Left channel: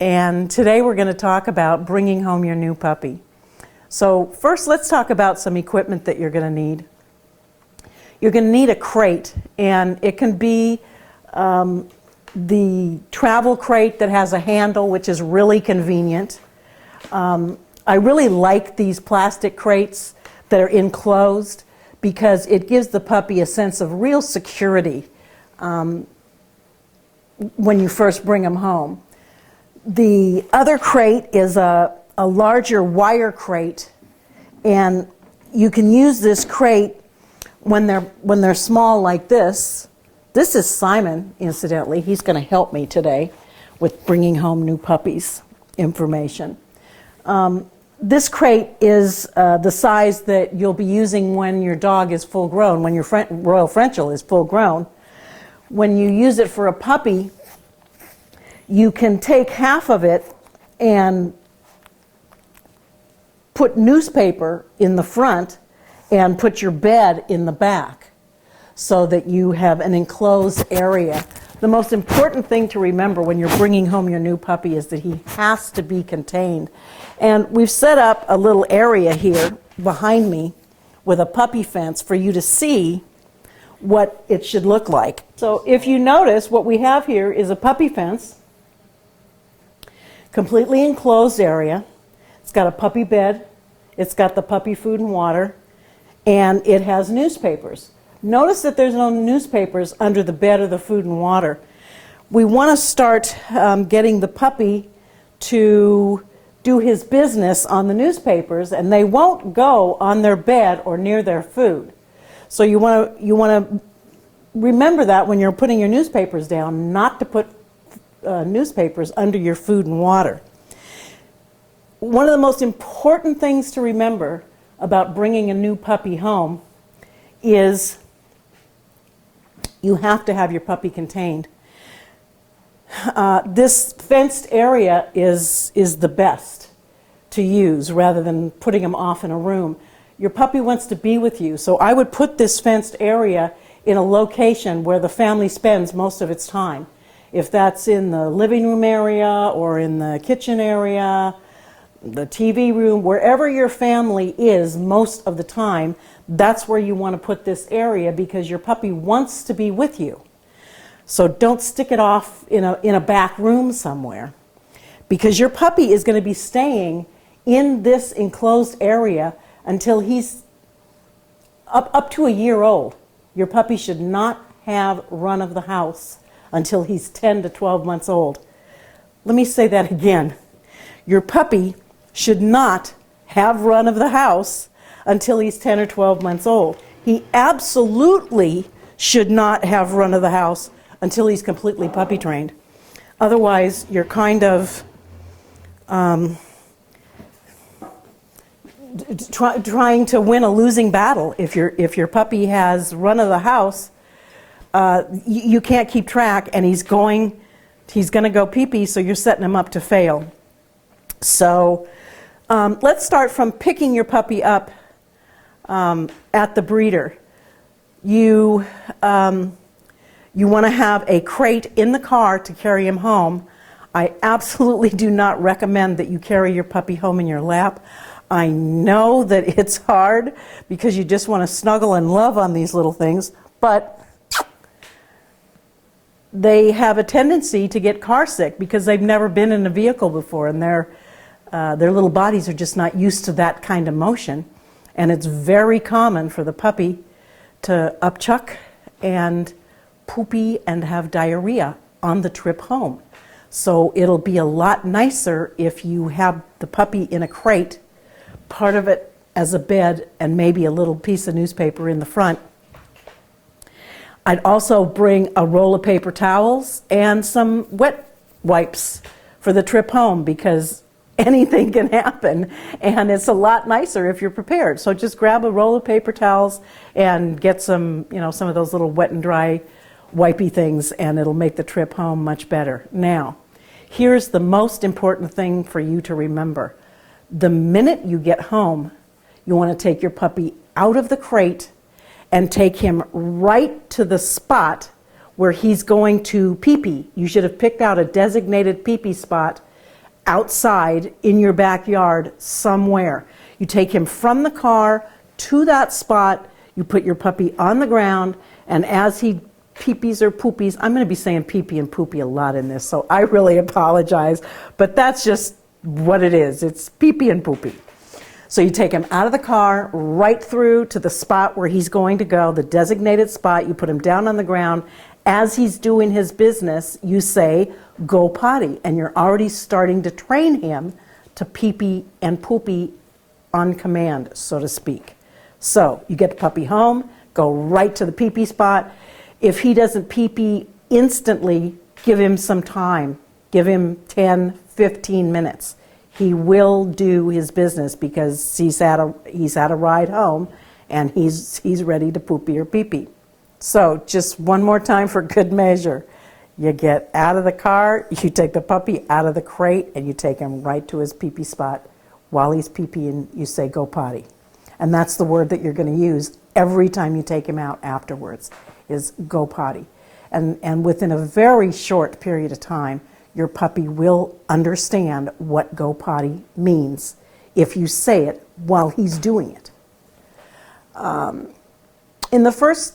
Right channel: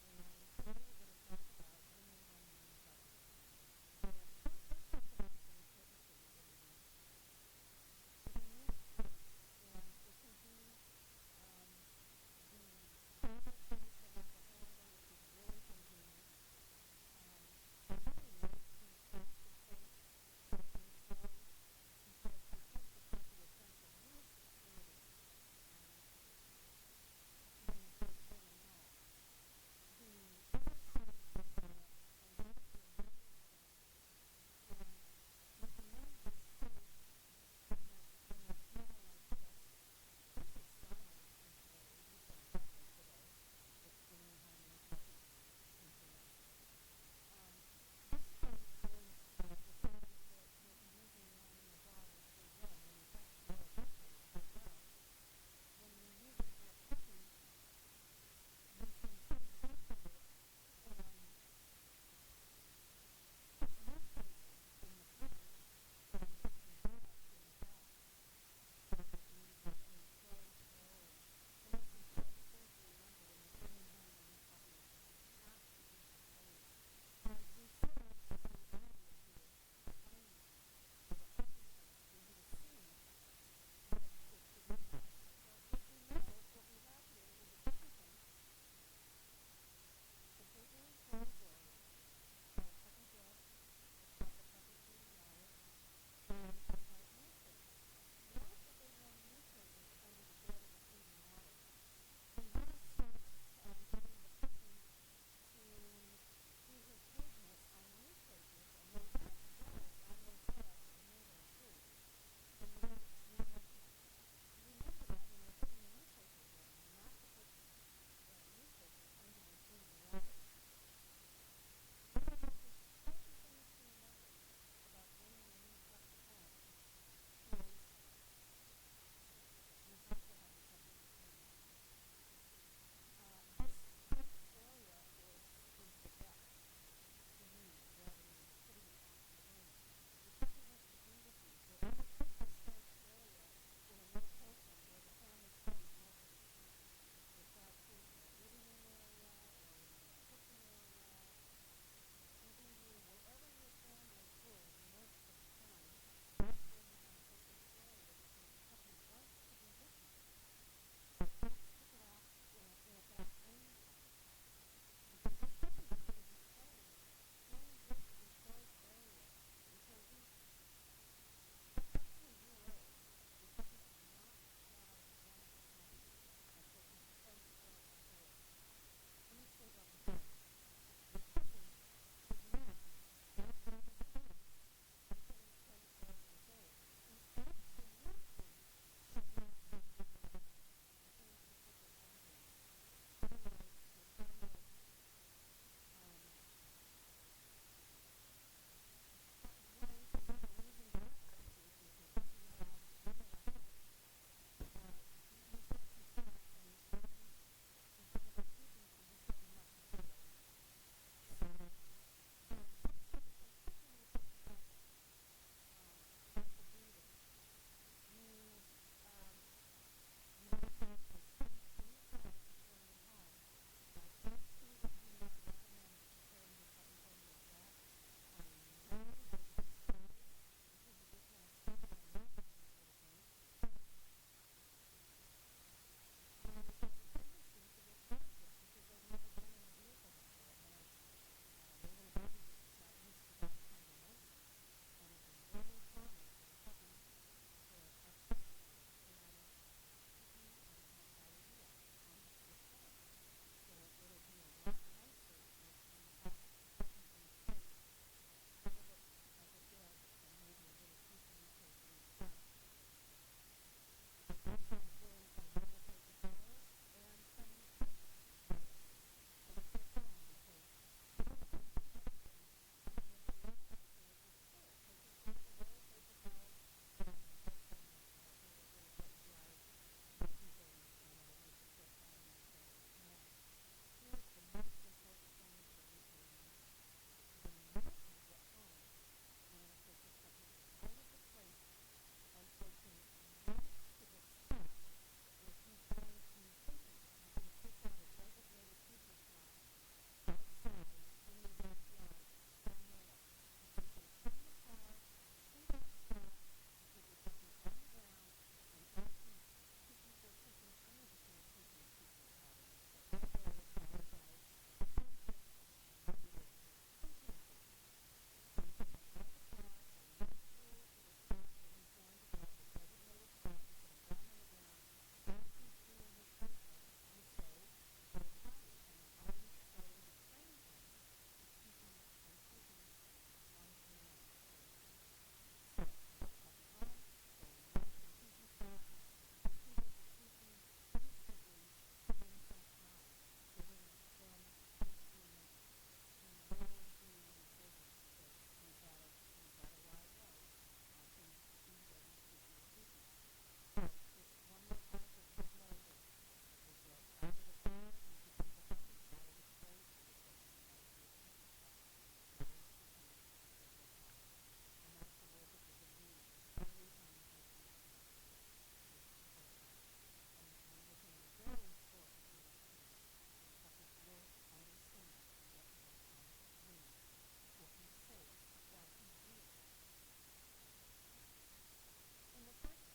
And today we're going to talk about bringing home your new puppy. So first, let's talk about some equipment that you're going to need. You're going to need a crate, and it can be the travel crate that has a handle, which is really convenient. I really like these plastic crates that are enclosed because it gives the puppy a sense of real security when you first bring them home. The other crate is a larger wire crate, and you can use this crate when they're small like this. This is Simon, incidentally. He's going to help me today with bringing home new puppies information. This crate is the size that you'll be using when your dog is full grown, when your Royal Frenchel is full grown. When you use it for a puppy, you can take half of it and put newspaper in the front and put your bed in the back so that you have an enclosed area. The most important thing to remember when you're bringing home your new puppy is that he has to be contained. And we've set up a little area here behind me with a puppy fence for you to see what it should look like. So if you notice, what we have here is a puppy fence, completely enclosed area. It's got a puppy bed, it's got the puppy food and water, and it has newspapers. Notice that there's no newspapers under the bed or the food and water. We want to start getting the puppy to do his business on the newspapers, and they won't go on their bed or near their food. So you want to remember that when you're putting your newspapers down, not to put newspapers under your food and water. One of the most important things to remember about bringing a new puppy home is you have to have your puppy contained. This fenced area is the best to use rather than putting him off in a room. Your puppy wants to be with you, so I would put this fenced area in a location where the family spends most of its time. If that's in the living room area or in the kitchen area, the TV room, wherever your family is most of the time, that's where you want to put this area because your puppy wants to be with you. So don't stick it off in a back room somewhere, because your puppy is going to be staying in this enclosed area until he's up to a year old. Your puppy should not have run of the house until he's 10 to 12 months old. Let me say that again. Your puppy should not have run of the house until he's 10 or 12 months old. He absolutely should not have run of the house until he's completely puppy trained. Otherwise, you're kind of trying to win a losing battle. If your puppy has run of the house, you can't keep track, and he's going to go pee-pee, so you're setting him up to fail. So let's start from picking your puppy up at the breeder. You want to have a crate in the car to carry him home. I absolutely do not recommend that you carry your puppy home in your lap. I know that it's hard because you just want to snuggle and love on these little things, but they have a tendency to get car sick because they've never been in a vehicle before, and their little bodies are just not used to that kind of motion. And it's very common for the puppy to upchuck and poopy and have diarrhea on the trip home. So it'll be a lot nicer if you have the puppy in a crate, part of it as a bed, and maybe a little piece of newspaper in the front. I'd also bring a roll of paper towels and some wet wipes for the trip home, because anything can happen, and it's a lot nicer if you're prepared. So just grab a roll of paper towels and get some of those little wet and dry wipey things, and it'll make the trip home much better. Now, here's the most important thing for you to remember. The minute you get home, you want to take your puppy out of the crate and take him right to the spot where he's going to pee-pee. You should have picked out a designated pee-pee spot outside in your backyard somewhere. You take him from the car to that spot, you put your puppy on the ground, and as he pee-pees or poopies, I'm going to be saying pee-pee and poopy a lot in this, so I really apologize, but that's just what it is. It's pee-pee and poopy. So you take him out of the car, right through to the spot where he's going to go, the designated spot. You put him down on the ground. As he's doing his business, you say, go potty. And you're already starting to train him to pee-pee and poopy on command, so to speak. So you get the puppy home, go right to the pee-pee spot. If he doesn't pee-pee instantly, give him some time. Give him 10, 15 minutes. He will do his business because he's had a ride home and he's ready to poopy or pee-pee. So just one more time for good measure. You get out of the car, you take the puppy out of the crate, and you take him right to his pee-pee spot. While he's pee-peeing, you say, go potty. And that's the word that you're going to use every time you take him out afterwards, is go potty. And within a very short period of time, your puppy will understand what go potty means if you say it while he's doing it. In the first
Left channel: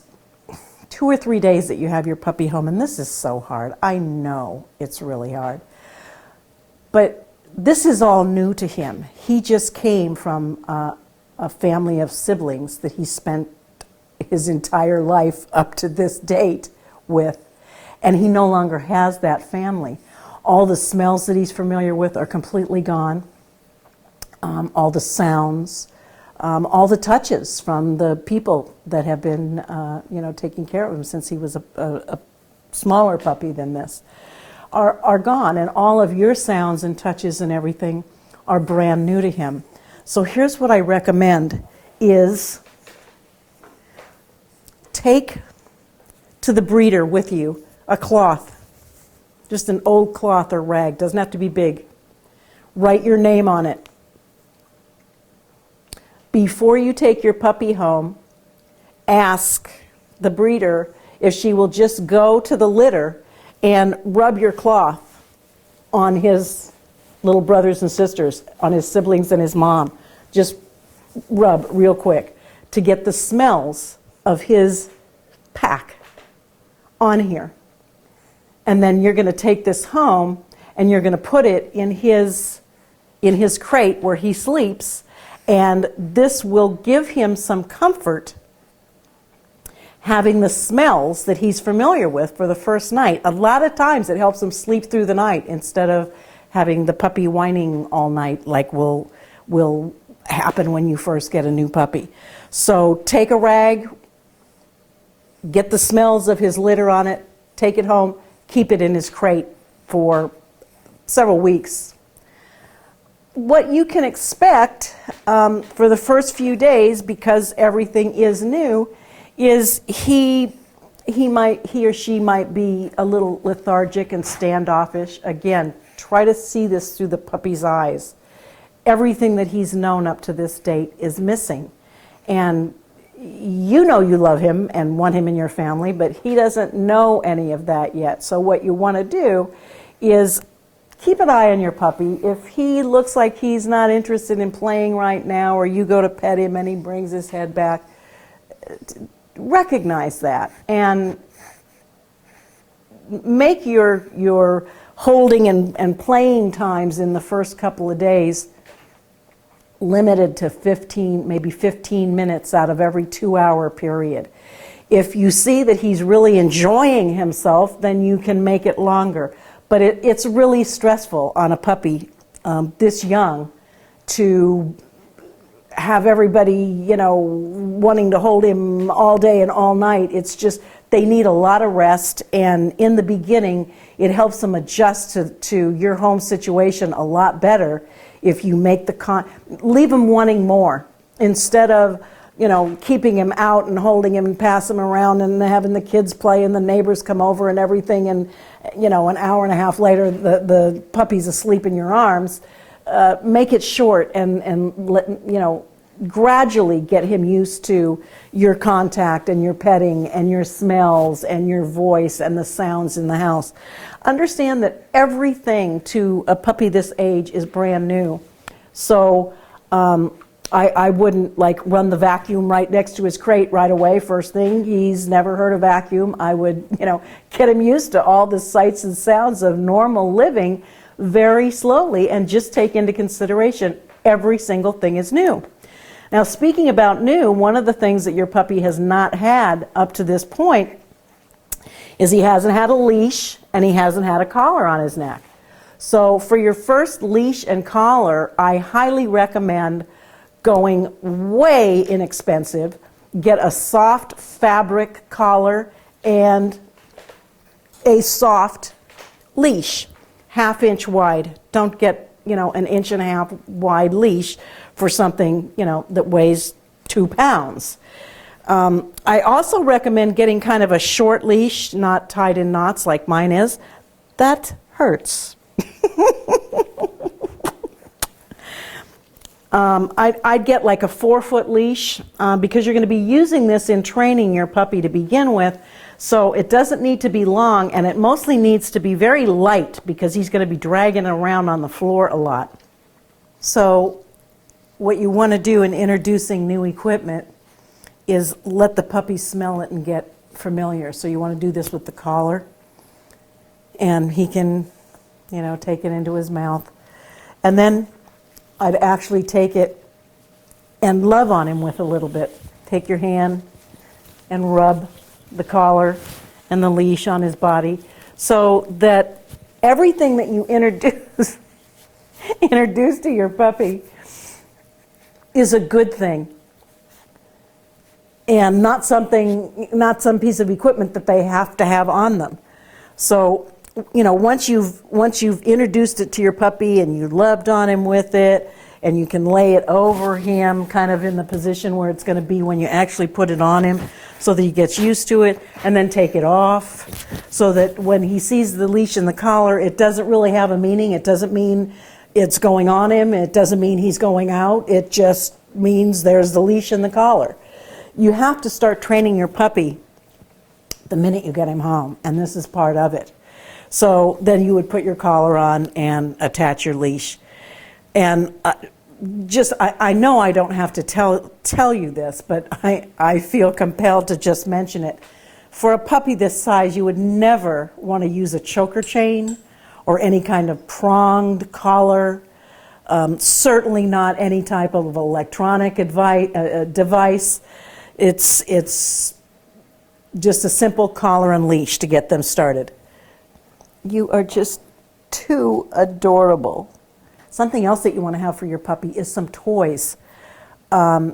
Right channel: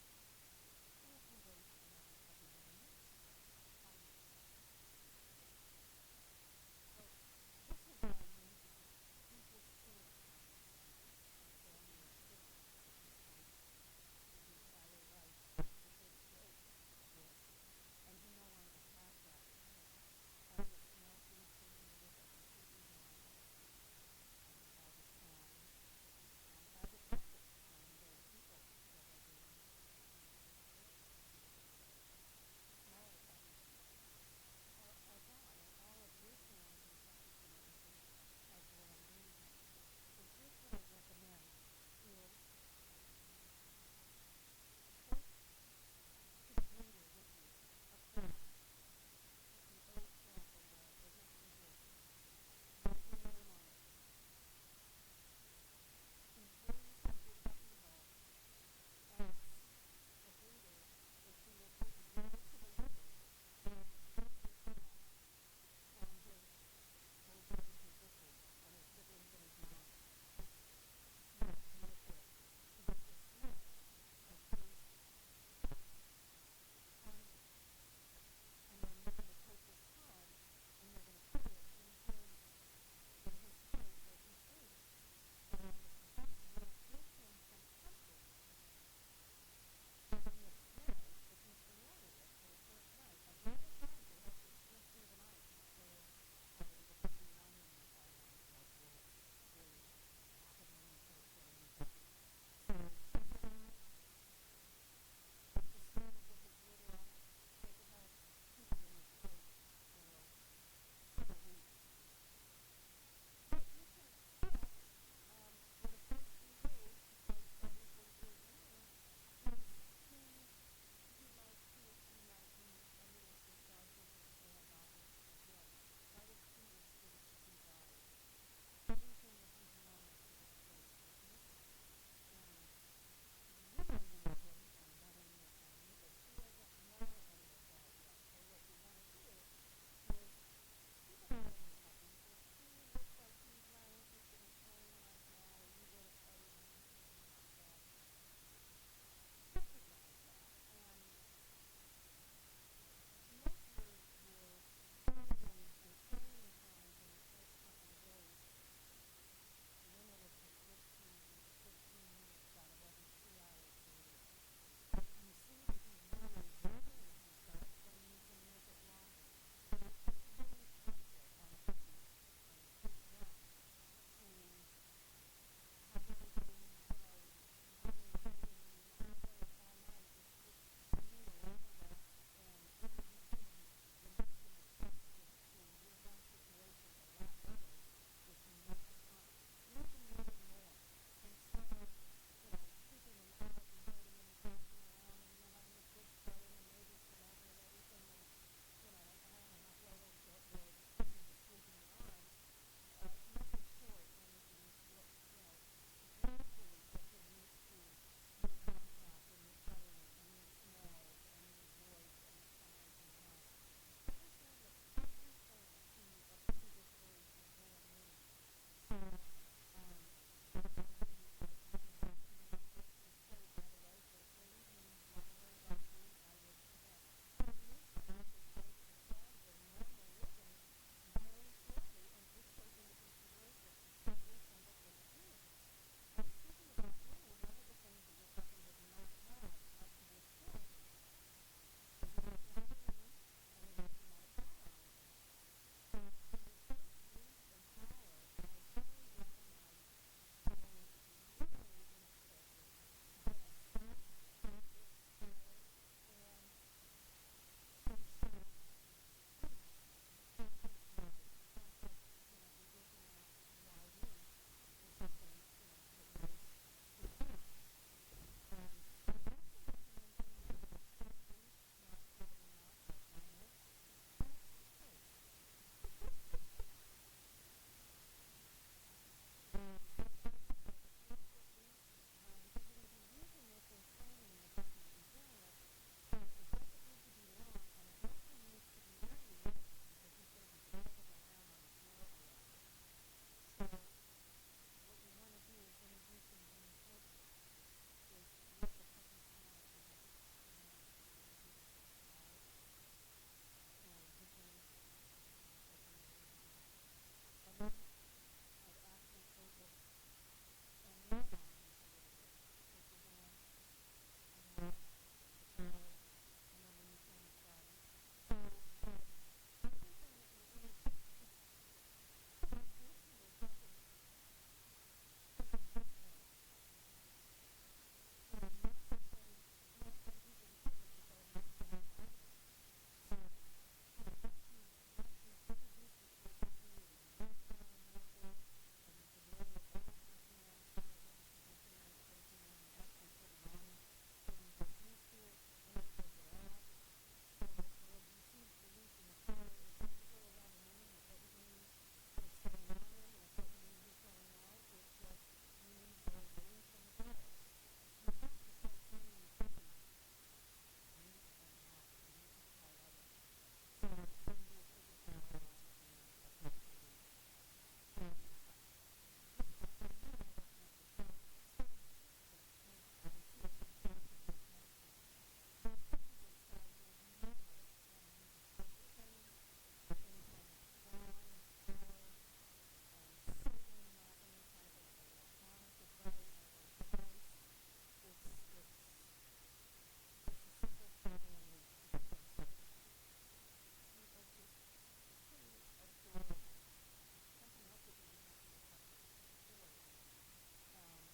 2 or 3 days that you have your puppy home, and this is so hard, I know it's really hard, but this is all new to him. He just came from a family of siblings that he spent his entire life up to this date with, and he no longer has that family. All the smells that he's familiar with are completely gone. All the sounds, all the touches from the people that have been, taking care of him since he was a smaller puppy than this, are gone. And all of your sounds and touches and everything are brand new to him. So here's what I recommend is take to the breeder with you a cloth. Just an old cloth or rag, doesn't have to be big. Write your name on it. Before you take your puppy home, ask the breeder if she will just go to the litter and rub your cloth on his little brothers and sisters, on his siblings and his mom. Just rub real quick to get the smells of his pack on here. And then you're going to take this home and you're going to put it in his crate where he sleeps, and this will give him some comfort having the smells that he's familiar with for the first night. A lot of times it helps him sleep through the night instead of having the puppy whining all night like will happen when you first get a new puppy. So take a rag, get the smells of his litter on it, take it home, keep it in his crate for several weeks. What you can expect for the first few days, because everything is new, is he or she might be a little lethargic and standoffish. Again, try to see this through the puppy's eyes. Everything that he's known up to this date is missing. And you know you love him and want him in your family, but he doesn't know any of that yet. So what you want to do is keep an eye on your puppy. If he looks like he's not interested in playing right now, or you go to pet him and he brings his head back, recognize that and make your holding and playing times in the first couple of days limited to 15, maybe 15 minutes out of every 2-hour period. If you see that he's really enjoying himself, then you can make it longer. But it's really stressful on a puppy this young to have everybody, wanting to hold him all day and all night. It's just, they need a lot of rest, and in the beginning, it helps them adjust to your home situation a lot better if you make leave them wanting more instead of, keeping him out and holding him and pass him around and having the kids play and the neighbors come over and everything, and an hour and a half later the puppy's asleep in your arms. Make it short and let gradually get him used to your contact and your petting and your smells and your voice and the sounds in the house. Understand that everything to a puppy this age is brand new. So I wouldn't like run the vacuum right next to his crate right away. First thing, he's never heard a vacuum. I would, get him used to all the sights and sounds of normal living very slowly and just take into consideration every single thing is new. Now, speaking about new, one of the things that your puppy has not had up to this point is he hasn't had a leash and he hasn't had a collar on his neck. So for your first leash and collar, I highly recommend going way inexpensive. Get a soft fabric collar and a soft leash, 1/2 inch wide. Don't get, an 1.5 inch wide leash for something, that weighs 2 pounds. I also recommend getting kind of a short leash, not tied in knots like mine is. That hurts. I'd get like a 4-foot leash because you're going to be using this in training your puppy to begin with. So it doesn't need to be long, and it mostly needs to be very light because he's going to be dragging around on the floor a lot. So what you want to do in introducing new equipment is let the puppy smell it and get familiar. So you want to do this with the collar, and he can, take it into his mouth. And then I'd actually take it and love on him with a little bit. Take your hand and rub the collar and the leash on his body so that everything that you introduce to your puppy is a good thing and not some piece of equipment that they have to have on them. So, once you've introduced it to your puppy and you loved on him with it, and you can lay it over him kind of in the position where it's going to be when you actually put it on him so that he gets used to it, and then take it off so that when he sees the leash and the collar, it doesn't really have a meaning. It doesn't mean it's going on him. It doesn't mean he's going out. It just means there's the leash and the collar. You have to start training your puppy the minute you get him home, and this is part of it. So then you would put your collar on and attach your leash. And I know I don't have to tell you this, but I feel compelled to just mention it. For a puppy this size, you would never want to use a choker chain or any kind of pronged collar, certainly not any type of electronic device. It's just a simple collar and leash to get them started. You are just too adorable. Something else that you want to have for your puppy is some toys. I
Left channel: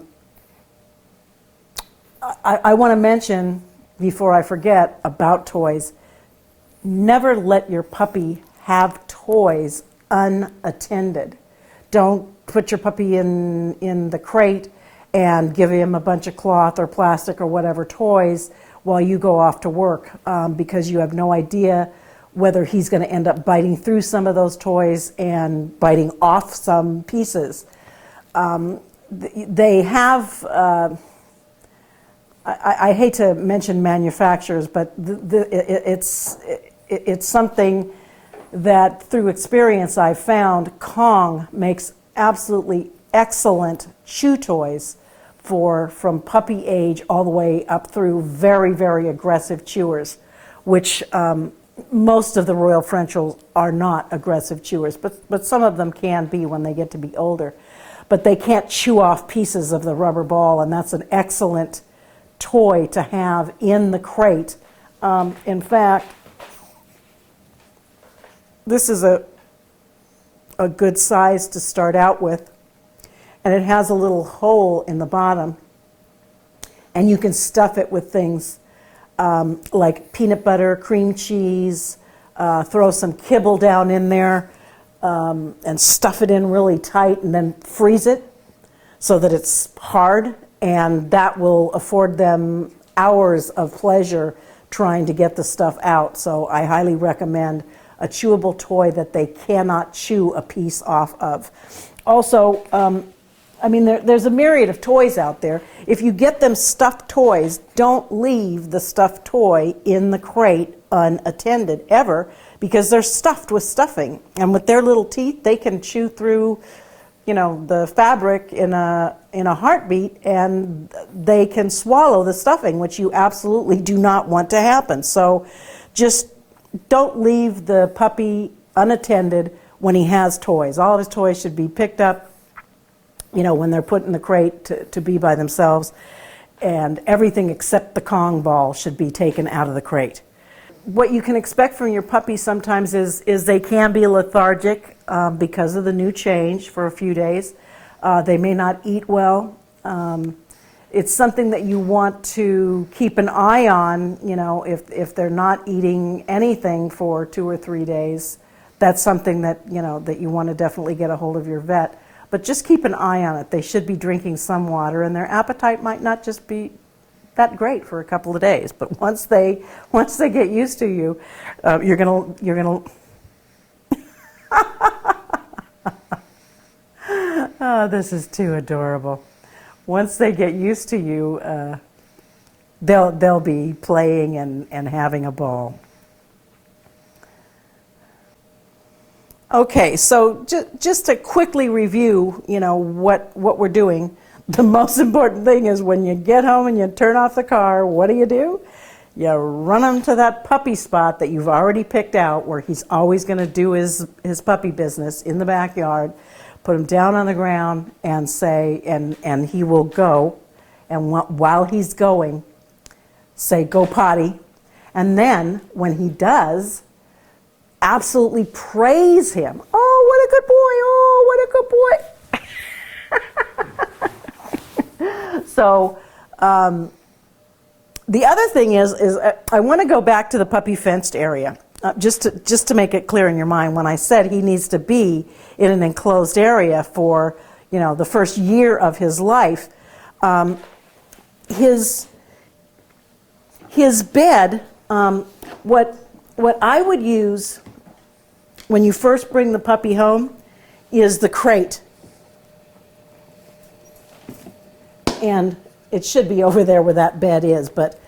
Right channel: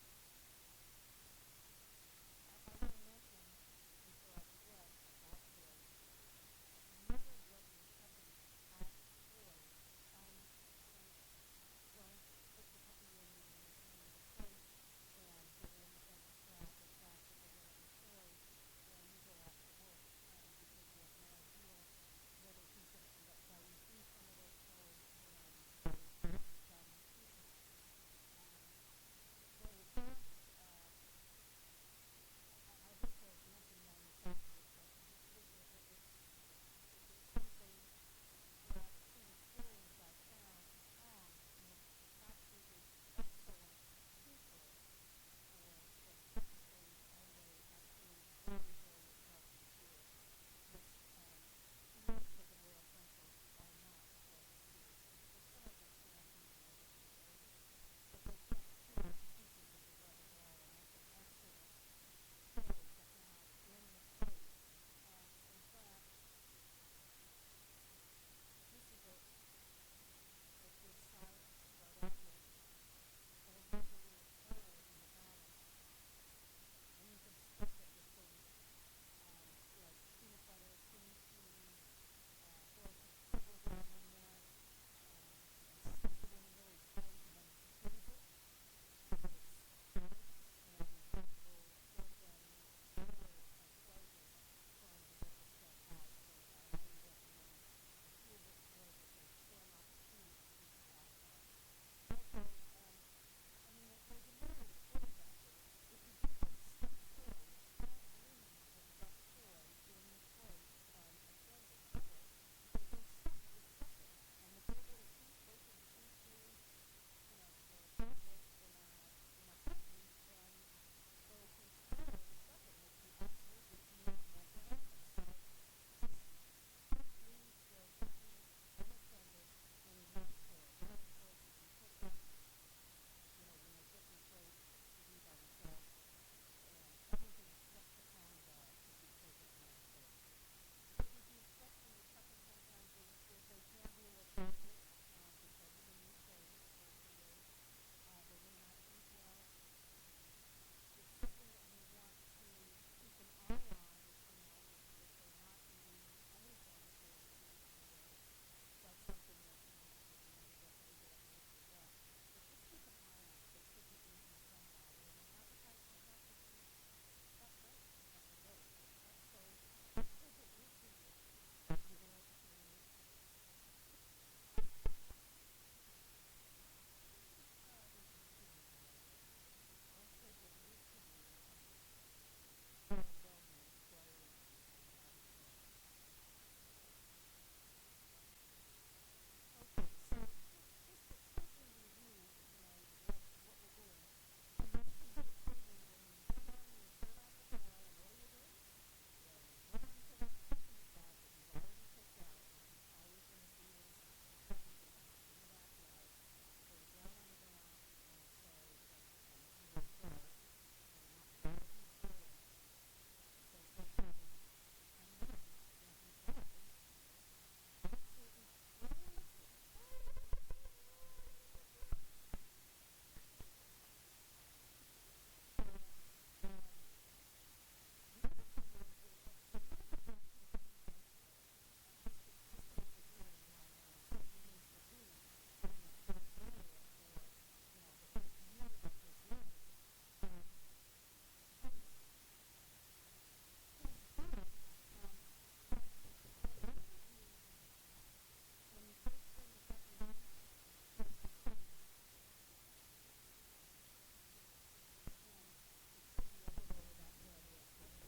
want to mention, before I forget, about toys. Never let your puppy have toys unattended. Don't put your puppy in the crate and give him a bunch of cloth or plastic or whatever toys while you go off to work, because you have no idea whether he's going to end up biting through some of those toys and biting off some pieces. They have, I hate to mention manufacturers, but it's something that through experience I've found Kong makes absolutely excellent chew toys from puppy age all the way up through very, very aggressive chewers, which most of the Royal Frenchels are not aggressive chewers, but some of them can be when they get to be older. But they can't chew off pieces of the rubber ball, and that's an excellent toy to have in the crate. In fact, this is a good size to start out with, and it has a little hole in the bottom, and you can stuff it with things like peanut butter, cream cheese, throw some kibble down in there, and stuff it in really tight and then freeze it so that it's hard, and that will afford them hours of pleasure trying to get the stuff out. So I highly recommend a chewable toy that they cannot chew a piece off of. Also, I mean, there's a myriad of toys out there. If you get them stuffed toys, don't leave the stuffed toy in the crate unattended ever, because they're stuffed with stuffing. And with their little teeth, they can chew through, you know, the fabric in a heartbeat, and they can swallow the stuffing, which you absolutely do not want to happen. So just don't leave the puppy unattended when he has toys. All of his toys should be picked up, you know, when they're put in the crate to be by themselves, and everything except the Kong ball should be taken out of the crate. What you can expect from your puppy sometimes is they can be lethargic because of the new change for a few days. They may not eat well. It's something that you want to keep an eye on, you know, if they're not eating anything for 2 or 3 days. That's something that, you know, that you want to definitely get a hold of your vet. But just keep an eye on it. They should be drinking some water, and their appetite might not just be that great for a couple of days. But once they get used to you, you're gonna. Oh, this is too adorable. Once they get used to you, they'll be playing and having a ball. Okay, so just to quickly review, you know, what we're doing. The most important thing is when you get home and you turn off the car, what do? You run him to that puppy spot that you've already picked out, where he's always going to do his puppy business in the backyard. Put him down on the ground and say, and he will go. And while he's going, say, go potty. And then when he does, absolutely praise him. Oh, what a good boy. Oh, what a good boy. So the other thing is I want to go back to the puppy fenced area, just to make it clear in your mind. When I said he needs to be in an enclosed area for, you know, the first year of his life, his bed, what I would use when you first bring the puppy home is the crate. And it should be over there where that bed is, but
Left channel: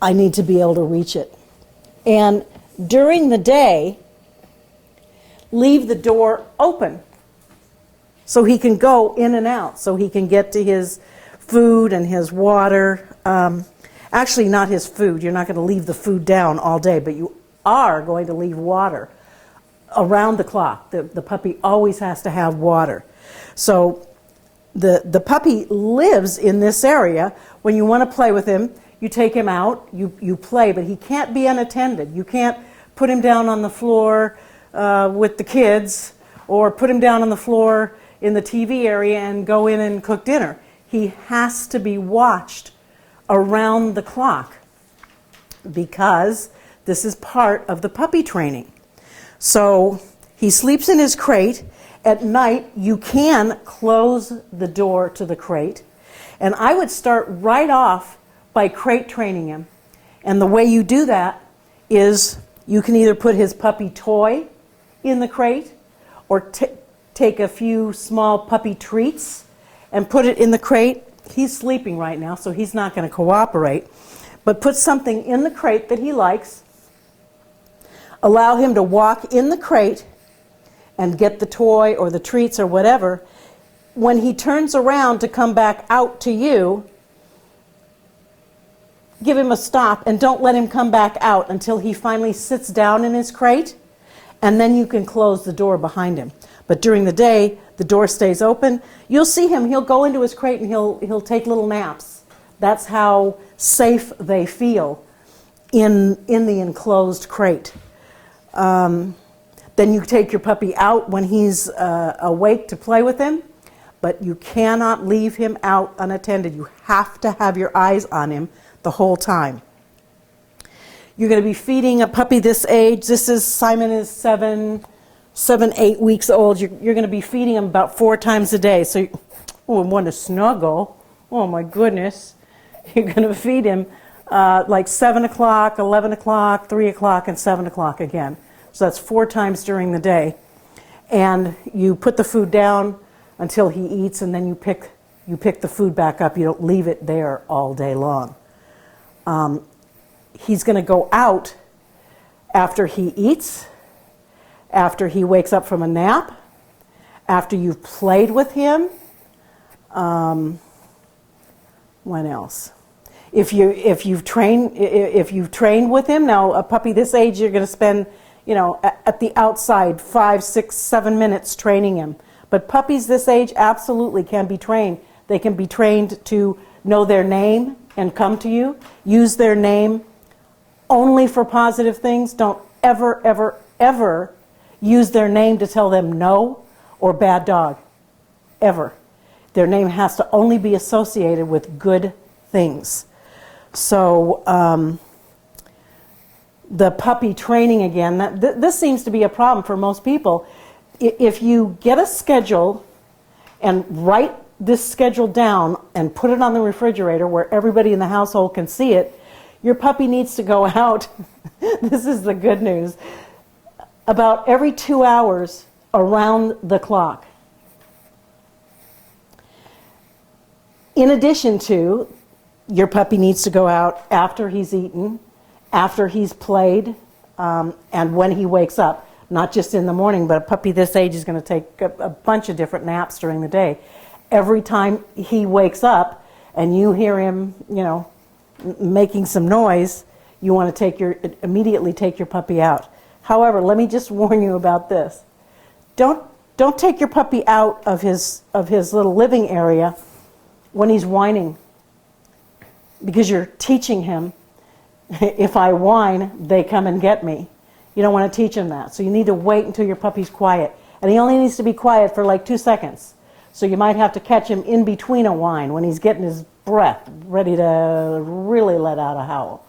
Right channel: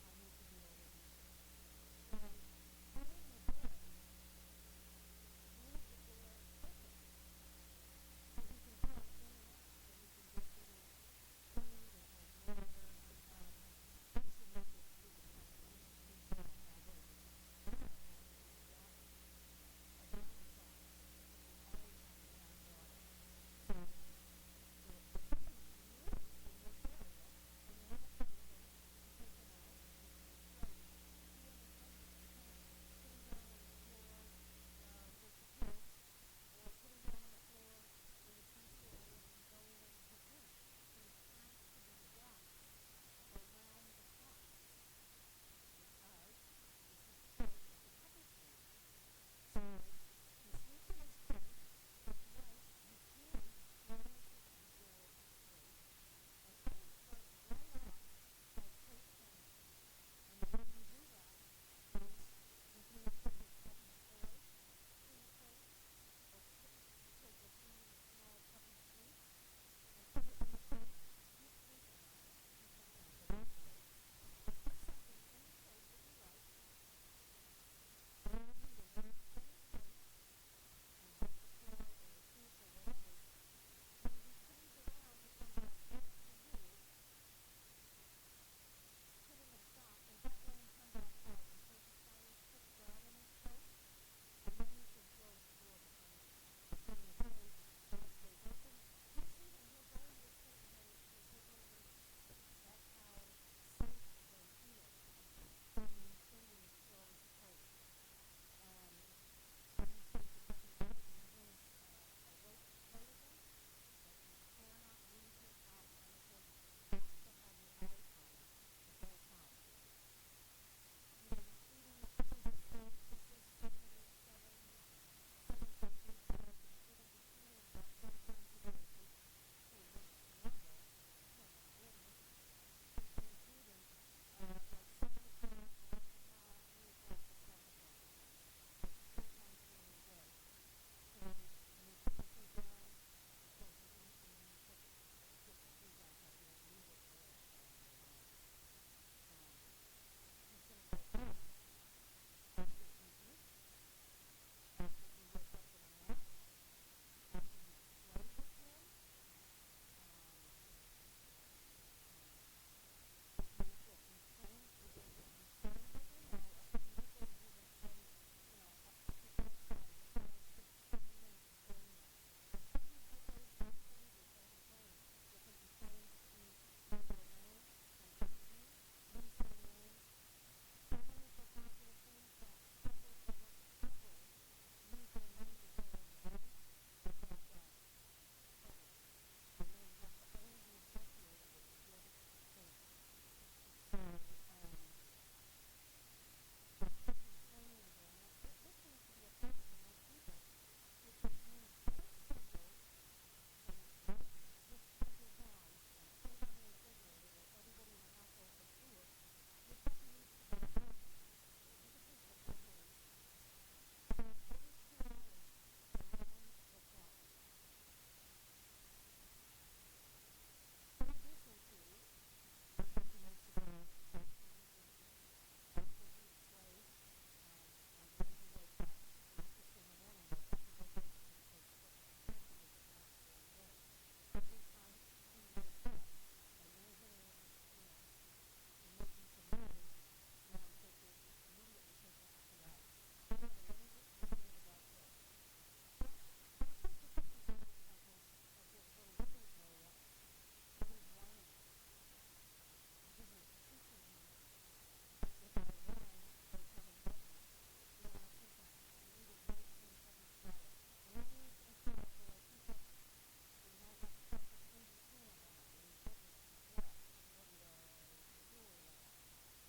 I need to be able to reach it. And during the day, leave the door open so he can go in and out, so he can get to his food and his water. Actually, not his food. You're not going to leave the food down all day, but you are going to leave water around the clock. The puppy always has to have water. So the puppy lives in this area. When you want to play with him, you take him out, you play, but he can't be unattended. You can't put him down on the floor with the kids, or put him down on the floor in the TV area and go in and cook dinner. He has to be watched around the clock, because this is part of the puppy training. So he sleeps in his crate. At night, you can close the door to the crate. And I would start right off by crate training him. And the way you do that is you can either put his puppy toy in the crate, or take a few small puppy treats and put it in the crate. He's sleeping right now, so he's not going to cooperate. But put something in the crate that he likes. Allow him to walk in the crate and get the toy or the treats or whatever. When he turns around to come back out to you, give him a stop and don't let him come back out until he finally sits down in his crate, and then you can close the door behind him. But during the day, the door stays open. You'll see him, he'll go into his crate and he'll take little naps. That's how safe they feel in the enclosed crate. Then you take your puppy out when he's awake to play with him, but you cannot leave him out unattended. You have to have your eyes on him the whole time. You're going to be feeding a puppy this age. Simon is 8 weeks old. You're going to be feeding him about 4 times a day. So, want to snuggle. Oh my goodness. You're going to feed him like 7 o'clock, 11 o'clock, 3 o'clock, and 7 o'clock again. So that's 4 times during the day. And you put the food down until he eats, and then you pick the food back up. You don't leave it there all day long. He's going to go out after he eats, after he wakes up from a nap, after you've played with him. What else? If you've trained with him, now a puppy this age, you're going to spend, at the outside 5, 6, 7 minutes training him. But puppies this age absolutely can be trained. They can be trained to know their name and come to you. Use their name only for positive things. Don't ever, ever, ever use their name to tell them no or bad dog. Ever. Their name has to only be associated with good things. So the puppy training again, this seems to be a problem for most people. If you get a schedule and write this schedule down and put it on the refrigerator where everybody in the household can see it, your puppy needs to go out, this is the good news, about every 2 hours around the clock. In addition to, your puppy needs to go out after he's eaten, after he's played, and when he wakes up. Not just in the morning, but a puppy this age is going to take a bunch of different naps during the day. Every time he wakes up and you hear him, making some noise, you want to immediately take your puppy out. However, let me just warn you about this. Don't take your puppy out of his little living area when he's whining, because you're teaching him, if I whine, they come and get me. You don't want to teach him that. So you need to wait until your puppy's quiet. And he only needs to be quiet for like 2 seconds. So you might have to catch him in between a whine when he's getting his breath, ready to really let out a howl.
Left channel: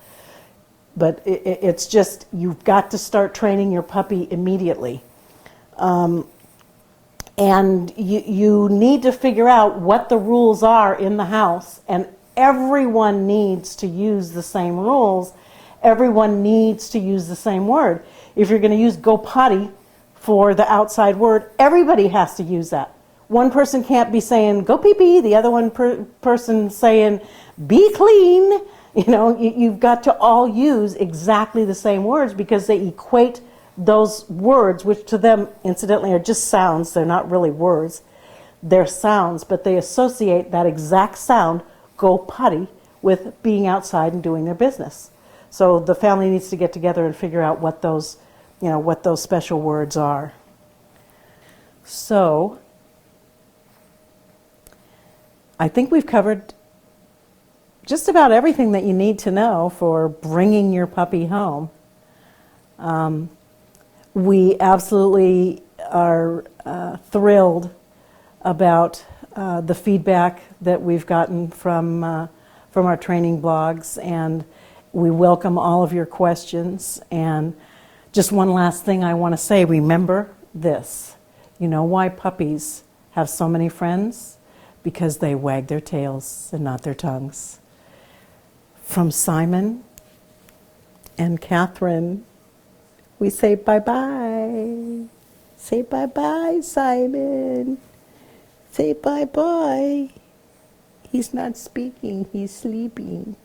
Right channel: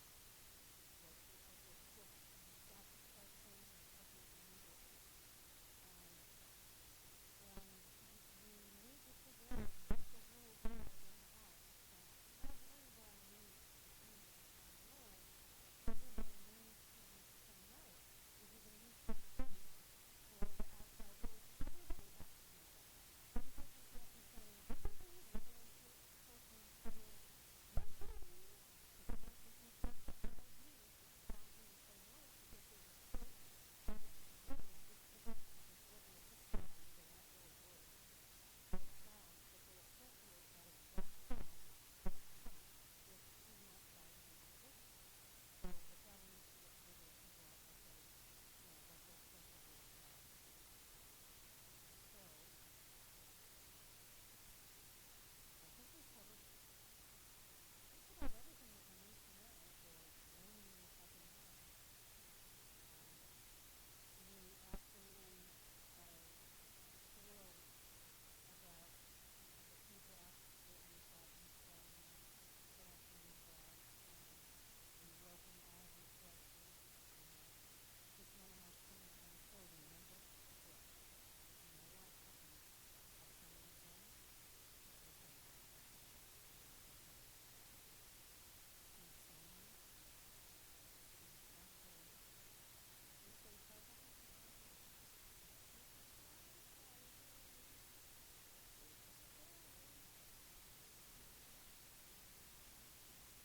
But it's just, you've got to start training your puppy immediately. And you need to figure out what the rules are in the house. And everyone needs to use the same rules. Everyone needs to use the same word. If you're going to use go potty for the outside word, everybody has to use that. One person can't be saying go pee pee, the other person saying be clean. You've got to all use exactly the same words, because they equate those words, which to them, incidentally, are just sounds. They're not really words. They're sounds, but they associate that exact sound, go potty, with being outside and doing their business. So the family needs to get together and figure out what those special words are. So I think we've covered just about everything that you need to know for bringing your puppy home. We absolutely are thrilled about the feedback that we've gotten from our training blogs, and we welcome all of your questions. And just one last thing I want to say, remember this. You know why puppies have so many friends? Because they wag their tails and not their tongues. From Simon and Catherine, we say bye-bye. Say bye-bye, Simon. Say bye-bye. He's not speaking, he's sleeping.